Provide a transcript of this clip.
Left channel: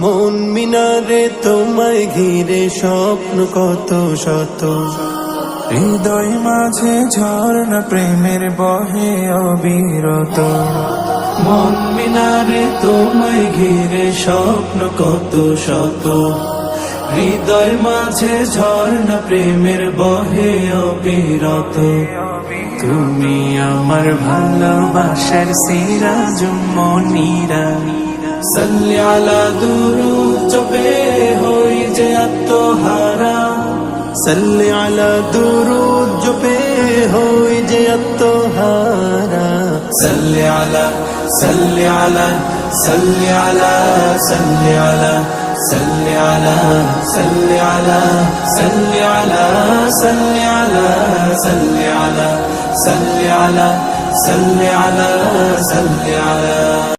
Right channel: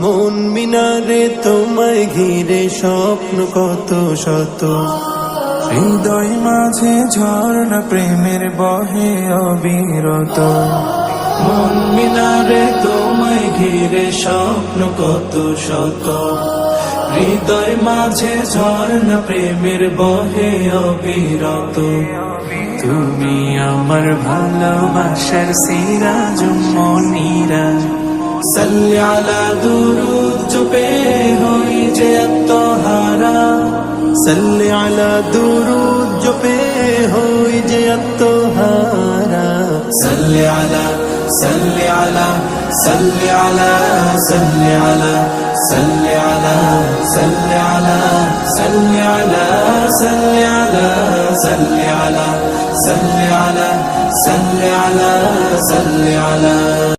মন মিনারে তোমায় ঘিরে স্বপ্ন কত শত, হৃদয় মাঝে ঝর্ণা প্রেমের বহে অবিরত। মন মিনারে তোমায় ঘিরে স্বপ্ন কত শত, হৃদয় মাঝে ঝর্ণা প্রেমের বহে অবিরত। তুমি আমার ভালোবাসার সিরাজুম মনিরা, সাল্লি আলা দুরুদ জপে হই যে আত্মহারা, সাল্লি আলা দুরুদ জপে হই যে আত্মহারা। সাল্লি আলা সাল্লি আলা সাল্লি আলা সাল্লি আলা সাল্লি আলা সাল্লি আলা সাল্লি আলা সাল্লি আলা সাল্লি আলা সাল্লি আলা সাল্লি আলা সাল্লি আলা।